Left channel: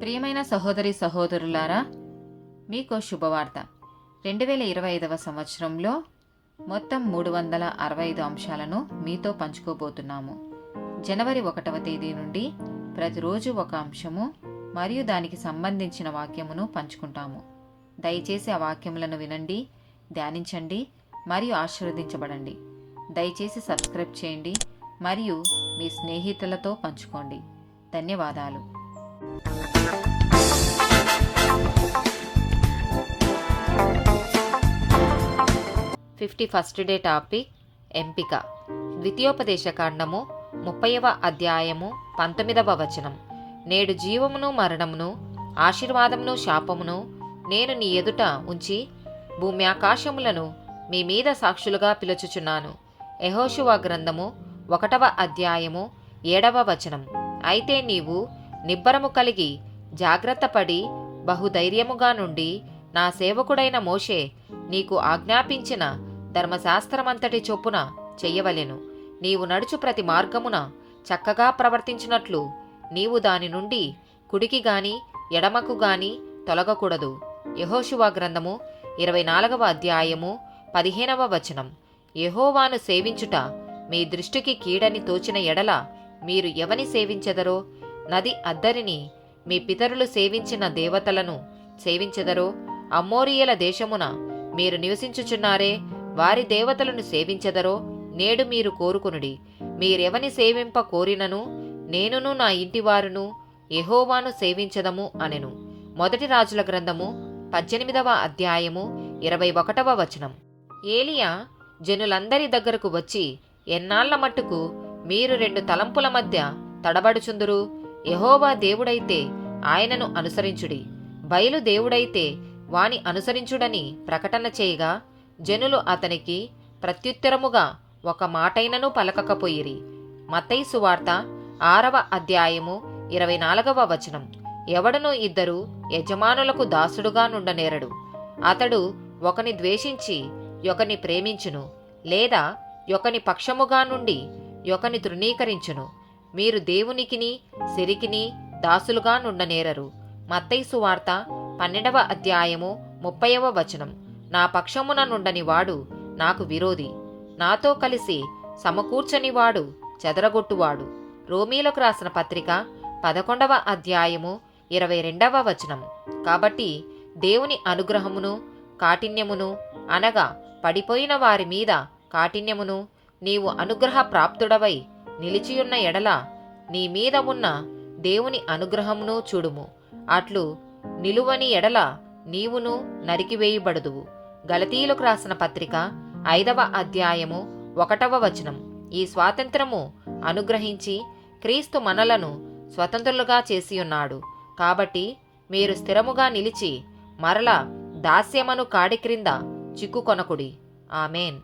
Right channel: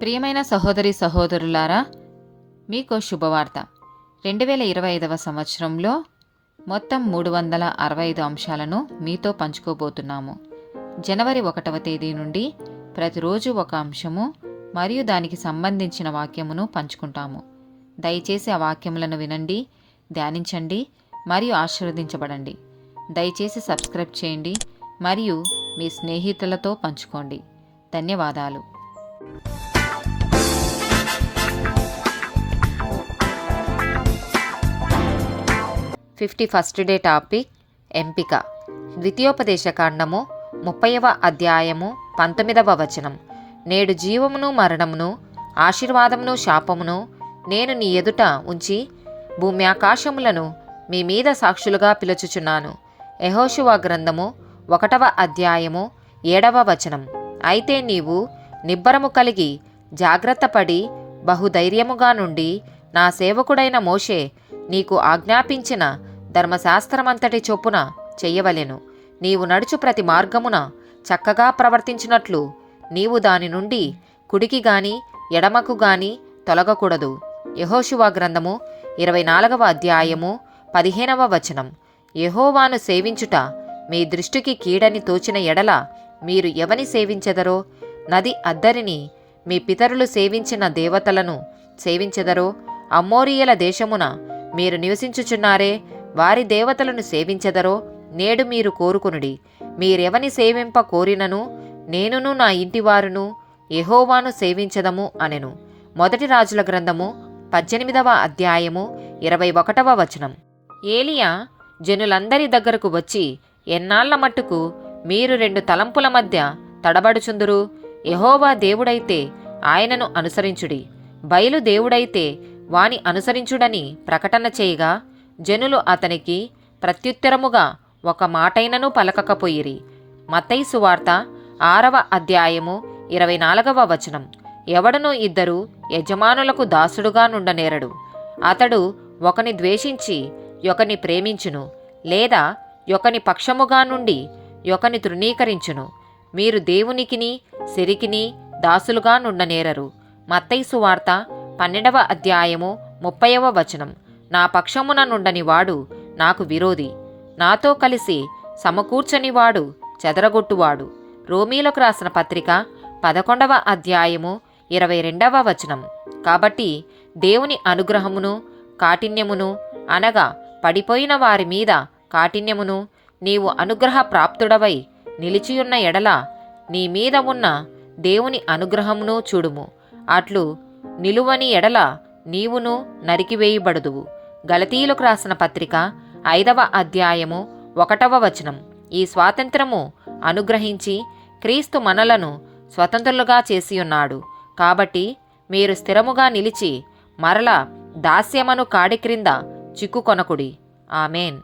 ప్రియమైన సహోదరి సహోదరులారా, మీకు శుభవార్త. 2025వ సంవత్సరంలో మొత్తం 365 అంశాలను మీతో పంచుకోబోతున్నాము. జనవరి 1వ తేదీ నుండి ప్రతిరోజు ఒక అంశము మరియు దానికి సంబంధించిన వాక్యమును పంచుకుంటాము. దయచేసి ఆ వాక్యములను వినండి, ధ్యానించండి మరియు ఆశీర్వదించబడండి. దయచేసి సబ్స్క్రైబ్ చేయండి మరియు మీ స్నేహితులతో పంచుకోండి. ధన్యవాదాలు. 51st డే టాపిక్ ఎంపిక. ద్వితీయోపదేశకాండము 30వ అధ్యాయము 19వ వచనం. నేడు జీవమును మరణమును, ఆశీర్వాదమును శాపమును నేను నీ ఎదుట ఉంచి భూమి ఆకాశములను మీ మీద సాక్షులుగా పిలుచుచున్నాను. యెహోషువ గ్రంథము 1వ అధ్యాయము 7వ వచనం. అయితే నీవు నిబ్బరము కలిగి జాగ్రత్తపడి బహుధైర్యముగా నుండి నా సేవకుడైన మోషే నీకు ఆజ్ఞాపించిన ధర్మశాస్త్రమంతటి చొప్పున చెయ్యవలెను. నీవు నడుచు ప్రతి మార్గమున చక్కగా ప్రవర్తించినట్లు నీవు దాని నుండి కుడికి గాని ఎడమకు గాని తొలగకూడదు. యెహోషువ గ్రంథము 24వ అధ్యాయము 15వ వచనం. యెహోవాను సేవించుట మీ దృష్టికి కీడని తోచిన ఎడల మీరు ఎవని సేవించెదరో, నది అద్దరిని మీ పితరులు సేవించిన దేవతలను సేవించెదరో, అమ్మోరీయుల దేశమున మీరు నివసించుచున్నారే, వారి దేవతలను సేవించెదరో నేడు మీరు కోరుకొనుడి. మీరెవని సేవింప కోరినను నేనును నా ఇంటివారును యెహోవాను సేవించదము అనెను. మొదటి రాజుల గ్రంథము 18వ అధ్యాయము 21వ వచనం. ఏలియా జనులందరి దగ్గరకు వచ్చి, ఎన్నాళ్ల మట్టుకు మీరు రెండు తలంపుల మధ్య తడబడుచుందురు? యెహోవా దేవుడైతే ఆయనను అనుసరించుడి, బయలు దేవుడైతే వాని అనుసరించుడని ప్రకటన చేయగా జనులు అతనికి ప్రత్యుత్తరముగా ఒక మాటైనను పలకకపోయిరి. మత్తయి సువార్త 6వ అధ్యాయము 24వ వచనం. ఎవడనో ఇద్దరు యజమానులకు దాసుడుగా నుండనేరడు. అతడు ఒకని ద్వేషించి ఒకని ప్రేమించును, లేదా ఒకని పక్షముగా నుండి ఒకని తృణీకరించును. మీరు దేవునికిని సిరికిని దాసులుగా నుండనేరరు. మత్తయి సువార్త 12వ అధ్యాయము 30వ వచనం. నా పక్షమున నుండని వాడు నాకు విరోధి, నాతో కలిసి సమకూర్చని వాడు చెదరగొట్టువాడు. రోమీలకు రాసిన పత్రిక 11వ అధ్యాయము 22వ వచనం. కాబట్టి దేవుని అనుగ్రహమును కాఠిన్యమును, అనగా పడిపోయిన వారి మీద కాఠిన్యమును, నీవు అనుగ్రహ ప్రాప్తుడవై నిలిచియున్న ఎడల నీ మీద ఉన్న దేవుని అనుగ్రహమును చూడుము. అట్లు నిలువని ఎడల నీవును నరికివేయబడుదువు. గలతీయులకు రాసిన పత్రిక 5వ అధ్యాయము 1వ వచనం. ఈ స్వాతంత్రము అనుగ్రహించి క్రీస్తు మనలను స్వతంత్రులుగా చేసియున్నాడు. కాబట్టి మీరు స్థిరముగా నిలిచి మరల దాస్యమను కాడి క్రింద చిక్కుకొనకుడి. ఆమేన్.